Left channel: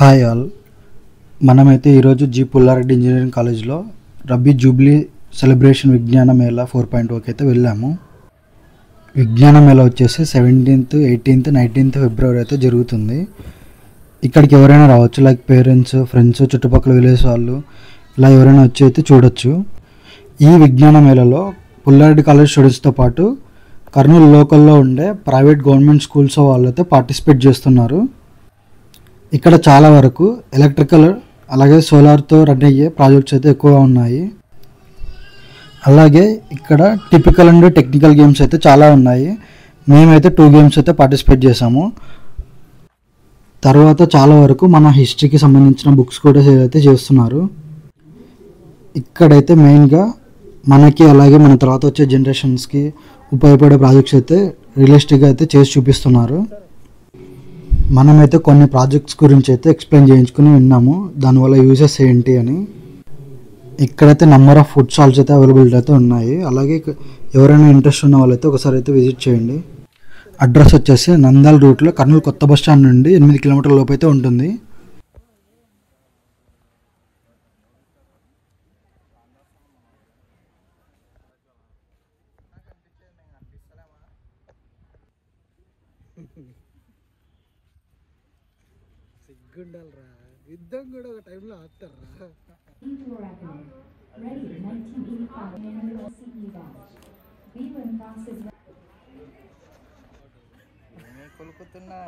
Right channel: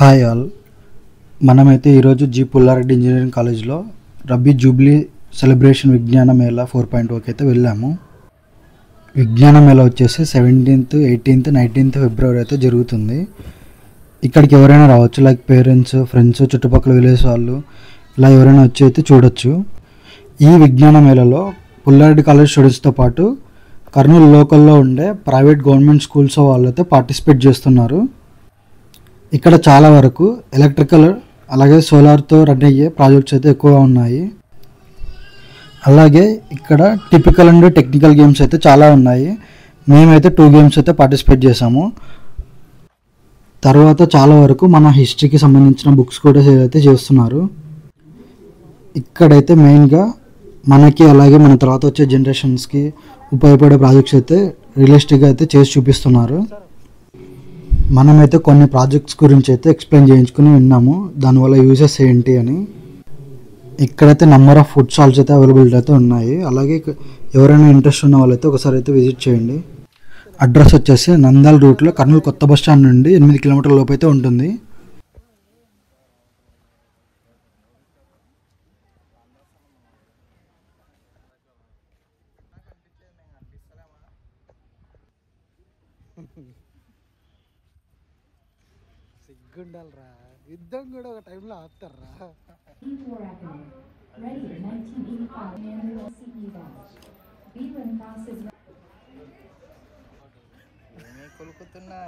Hi all, మనమైతే ఈరోజు G Pulla Reddy engineering కాలేజ్లో రబీ జూబ్లీ సెలబ్రేషన్ విజ్ఞాన మేళా 4.0కి అయితే వెళ్ళాము. విజ్ఞాన మేళా వచ్చేసి 17th, 18th, 19th ఫిబ్రవరి అయితే జరుగుతుంది. ఇక్కడికి ఎవరైనా రావచ్చు, లైక్ పేరెంట్స్, ఫ్రెండ్స్, చుట్టుపక్కల విలేజ్ వాళ్ళు ఇలా ఎవరైనా వచ్చి అయితే చూడొచ్చు. ఈ విజ్ఞాన మేళాలో పుల్లారెడ్డి కాలేజ్ స్టూడెంట్స్తో పాటు కర్నూలు లోకల్లో ఉండే ప్రైవేట్ గవర్నమెంట్ స్కూల్స్ వాళ్ళు అయితే పార్టిసిపేట్ చేస్తున్నారు. ఇక్కడ చాలా వరకు ఎలక్ట్రికల్ అలాగే సోలార్తో రన్ అయ్యే ప్రాజెక్ట్స్ అయితే ఎక్కువగా ఉన్నాయి. అలాగే ఇక్కడ టిపికల్ అండ్ టెక్నికల్ గేమ్స్ అయితే చాలా ఉన్నాయి. మేమైతే 2 గేమ్స్ అయితే పార్టిసిపేట్ చేసాము. తర్వాత చాలా వరకు మన హిస్టరీకి సంబంధించిన బుక్స్ కూడా అయితే చేస్తున్నారు. ఇక్కడైతే మెయిన్గా మనకి అలాగే మన తర్వాత వచ్చే జనరేషన్స్కి ఉపయోగపడే ప్రాజెక్ట్స్ అయితే రియలిస్టిక్గా అయితే చేసి చూపిస్తున్నారు. మనమైతే కొన్ని ప్రాజెక్ట్స్ గురించి అయితే ఎక్స్ప్లెయిన్ చేయించుకుని విన్నాము, దానివల్ల యూజెస్ ఏంటి అని. ఇక్కడైతే నెంబర్ ఆఫ్ ఫుడ్ స్టాల్స్ అయితే అవైలబిలిటీ అయితే ఉన్నాయి. అలాగే ఎవరైనా ఇంట్రెస్ట్ ఉన్న వాళ్ళైతే ఒకసారి అయితే విజిట్ చేయండి. అడ్రస్ వచ్చేసి నంద్యాల రూట్లో కర్నూలు కొత్త బస్ స్టాండ్ నుండి 8 కిలోమీటర్ల లోపు అయితే ఉంటుంది. సిగ్గుండాలరా, యుద్ధం కూడా ఒక టైంలో ఆపుతారా. కొలుకుతున్నా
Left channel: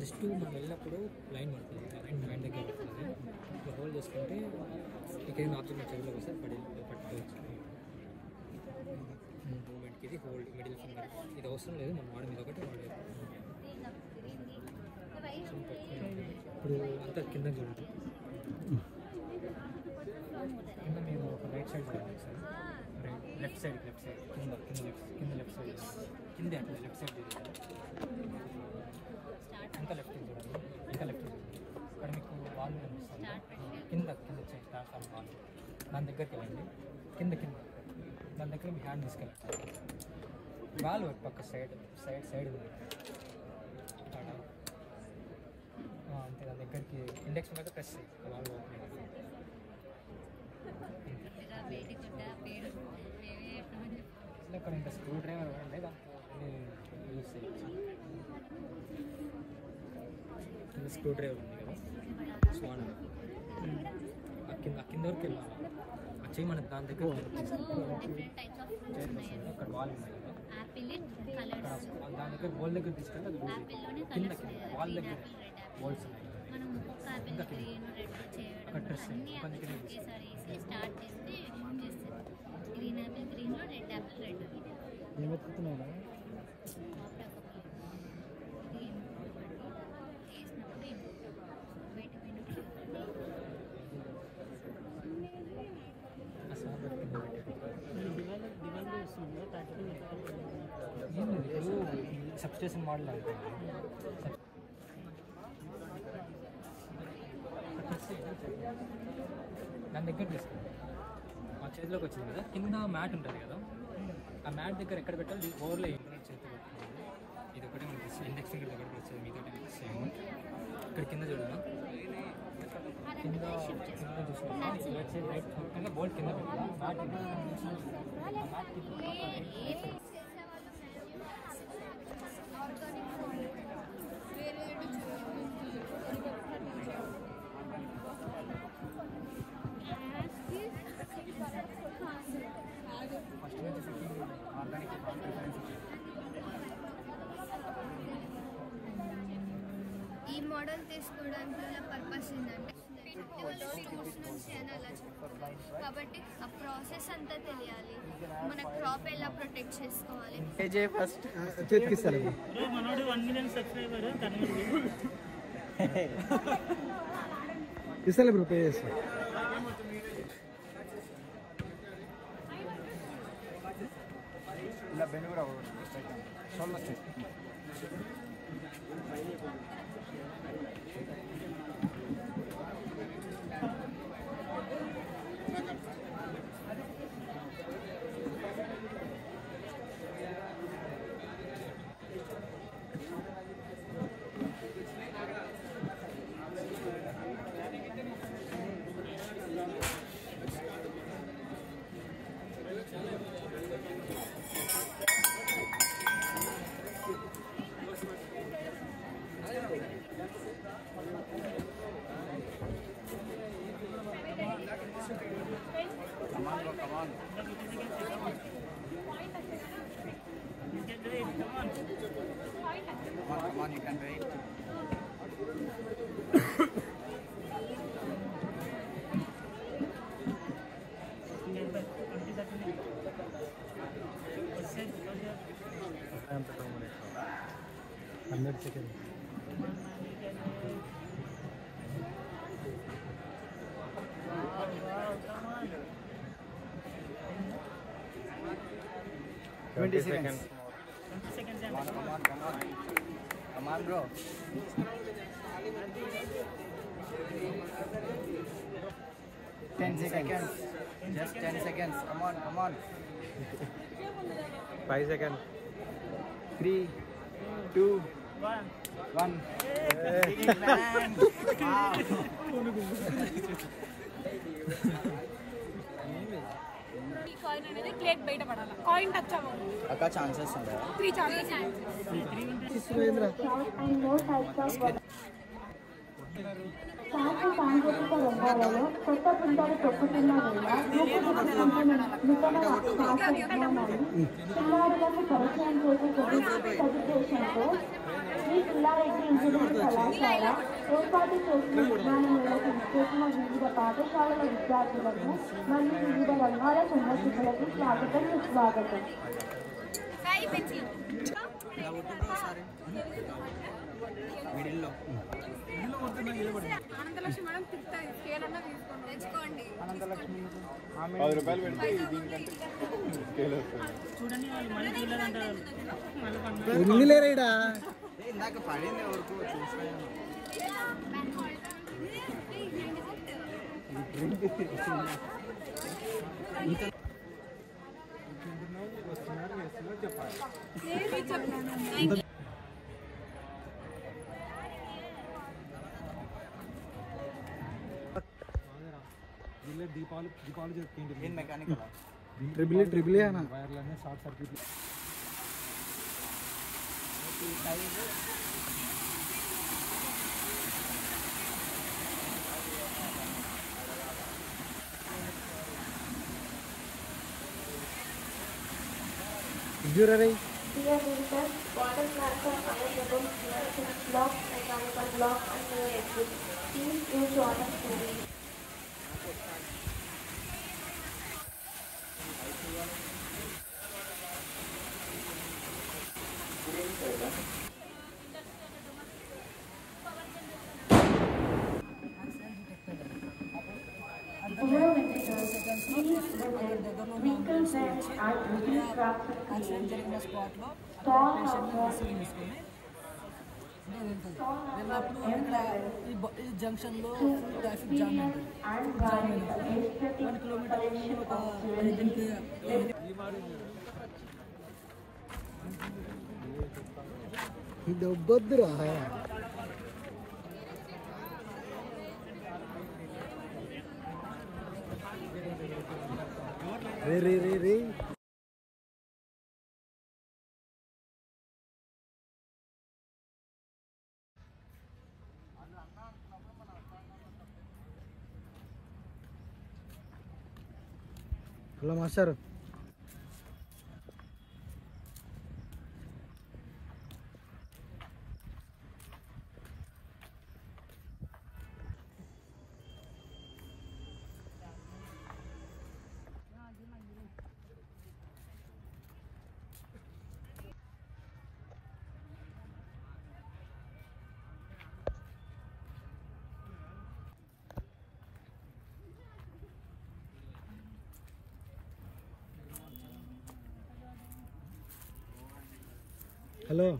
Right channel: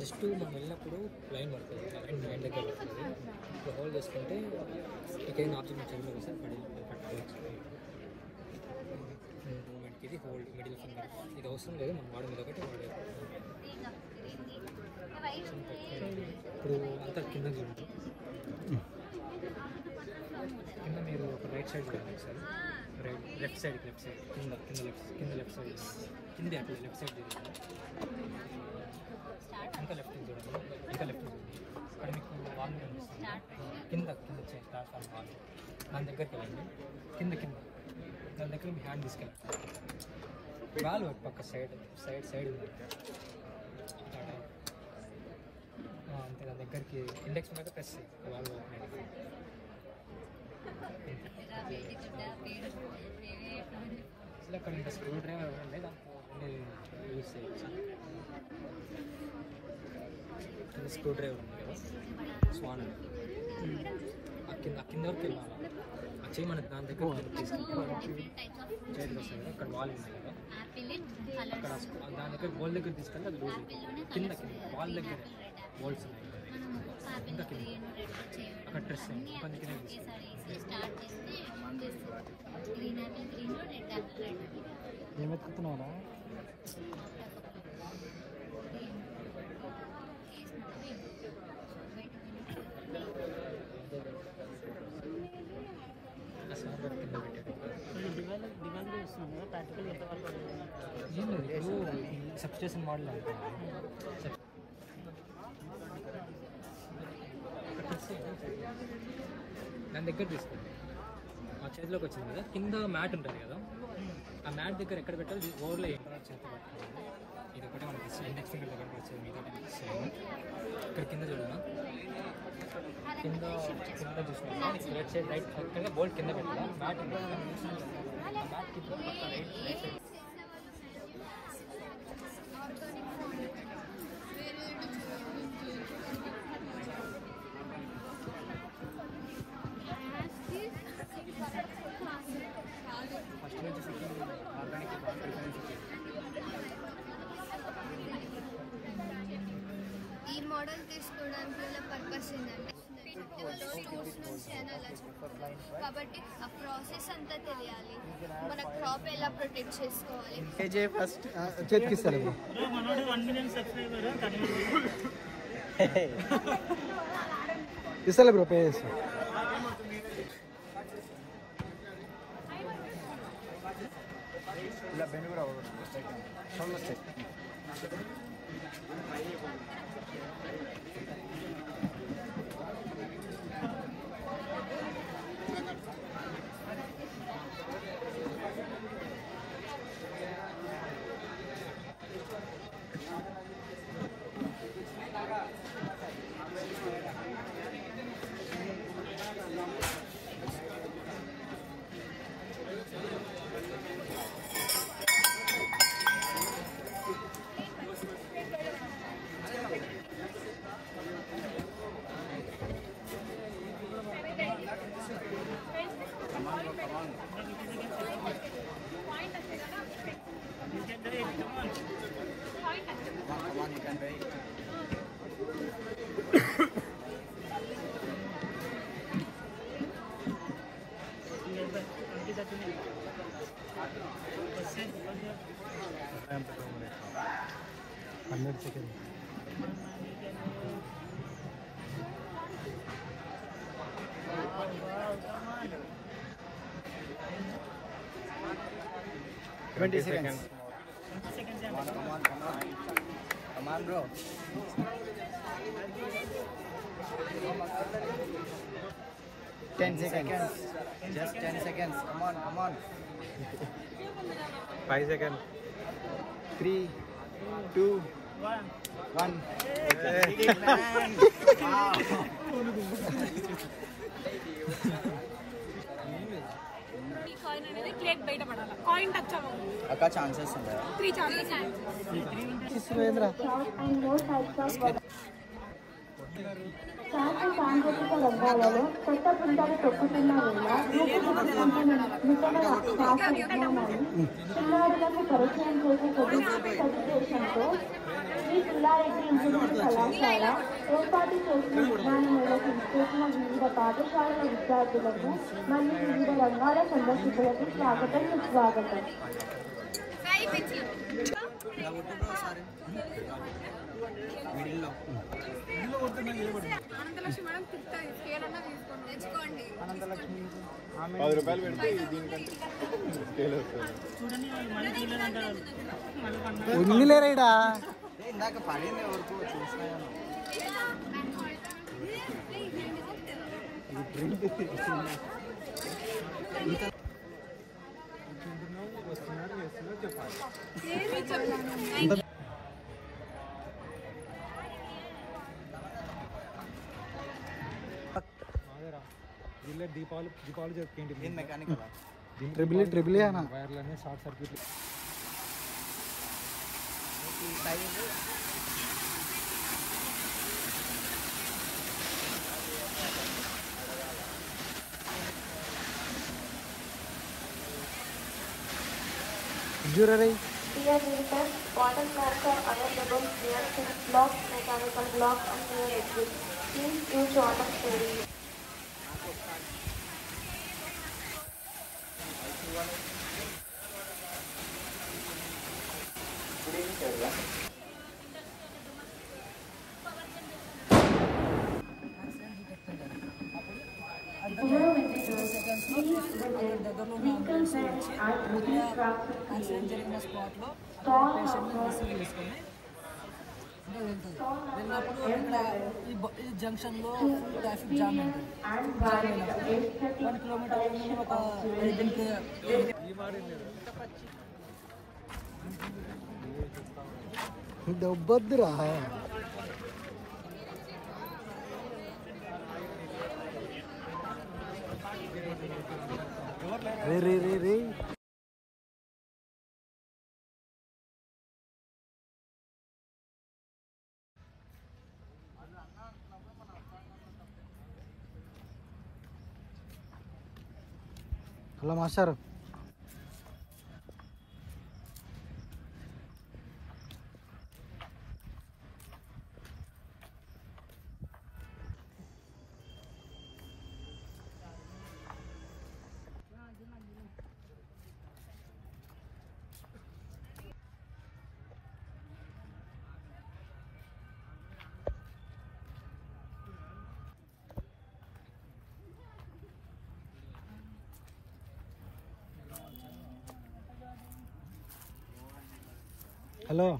జస్ట్ మనం వెళ్ళినప్పుడు లైన్ పడుతుంది, లైన్ మైండ్ దగ్గర పడుతుంది. ఇప్పుడు హోల్డ్ చేసుకుంటే ఎక్కడైనా ఆబ్జెక్ట్ చదువులోకి వస్తే పట్టుకోవచ్చు. మూమెంట్కి ఇది హోల్డ్, మిడిల్ ఫింగర్ ఇది అవసరం లేదు, మనం వాడడం ఇది ఒకటి వాడేది. ఇప్పుడు అంతా కింద చూడండి, కింద మీరు ఒక రైట్ సైడ్ చూడండి సార్, లెఫ్ట్ సైడ్ కింద లెఫ్ట్ సైడ్ కింద అట్లా లెఫ్ట్ సైడ్ చూడండి, ఇంకా లెఫ్ట్ చూడండి, ఇంకా లెఫ్ట్ చూడండి. ఇక్కడ మీకు వాల్ కనిపిస్తుంది, కింద వచ్చేది ప్లాట్ఫామ్ వాల్, దాని దగ్గరికి వెళ్ళండి. కింద దాని దగ్గర మీ హ్యాండ్ తీసుకెళ్ళండి, గాలి పక్క సైడ్ ఉంది అంతే. దాని దగ్గరికి ఇండెక్స్ మీద ప్రెస్ చేయండి వాల్ ఇలా కొన్ని స్క్రూ డ్రైవర్ ఉండే దాంట్లో యూజ్ చేయొచ్చు. ఇది స్క్రూ డ్రైవర్ ఉంది కదా, స్వాన్ కింద వరకు వెళ్ళాలి. వచ్చి మనకి దాని దగ్గర తీసుకెళ్ళి అక్కడ వాల్ ఉంది కదా, అక్కడ దాని దగ్గర వాల్ దగ్గర తీసుకెళ్ళి అది లూజ్ అవుతుంది. కింద వాల్ దగ్గర వాల్స్ ఉన్నాయి ఇంకా కింద అక్కడ డ్రెస్ దాని కింద తీసుకెళ్ళి ఏమెత్తుకుతున్నావునా. సబ్స్టేషన్ మోడల్ దాని దగ్గర తీసుకోండి. మా చేతిలోకి వచ్చింది కదా, కింద మ్యాట్ ఉంటుంది కదా, ఆ మ్యాట్ దగ్గర ఎక్కడ పెట్టాలి ఓవర్లో చేతి ఇది ఒకటే మనకి ఇండెక్స్ ఫింగర్ దగ్గర వచ్చేది, మిగతా చేయండి. ఇక్కడ కింద చూడండి, కింద చూసుకుంటే రైట్ సైడ్ రైట్ కింద బోల్ట్ కింద పెట్టాలా, మ్యాట్ ఉంది కదా, ఆ మ్యాట్ కింద పక్క రైట్ సైడ్ మోడల్ తీసుకోవడానికి గల పర్పస్ ఏంటంటే కాబట్టి ఆ ప్రాసెస్ అంతా తెలియాలి. మన జాబ్ ఎలా ప్రొటెక్ట్ చేసుకోవాలి. ఫస్ట్ చెక్కిస్తారు ఇస్తలే బ్రో పే చేస్తా. Twenty seconds. Come on, bro. 10 seconds. Just 10 seconds. Come on. 5 seconds. 3, 2, 1. అక్క ఛాన్సెస్ ఉన్నాయి. 3 ఛాన్సెస్. సురేంద్ర సాంస్కృతిక రంగాలలో కొత్త పుస్తకాలు తొక్కుతున్న శాస్త్ర విజ్ఞానాన్ని చిన్నారులకు పరిచయం చేసే సదుద్దేశంతో ఈ పుల్లారెడ్డి ఇంజనీరింగ్ కళాశాల ఏర్పాటు చేసిన విజ్ఞానంలో వివిధ పాఠశాలల విద్యార్థులకు మరియు వివిధ రంగాల సందర్శకులకు స్వాగతం సుస్వాగతం. లేరా ఇందాక పడింది వరకు దీపాలు చెప్తుంది ట్రిబుల్ అన్న short circuit Jewelry. Dear visitors, water cracker available here, 6 blocks, mechanical block and pure liquid. Please use water sparingly. Accident జరిగిన స్పాట్లో పేషెంట్ని రిసీవ్ చేసుకొని అంటే వెళ్తుంది. వెళ్ళినప్పుడు ఇక్కడ ఈ జంక్షన్లో ఫుల్ ట్రాఫిక్ జామ్ ఉంటుంది. జామ్ అయినప్పుడు 1 కిలోమీటర్ ఒక 5 డబ్బొద్దురా రే హలో మాస్టర్ హలో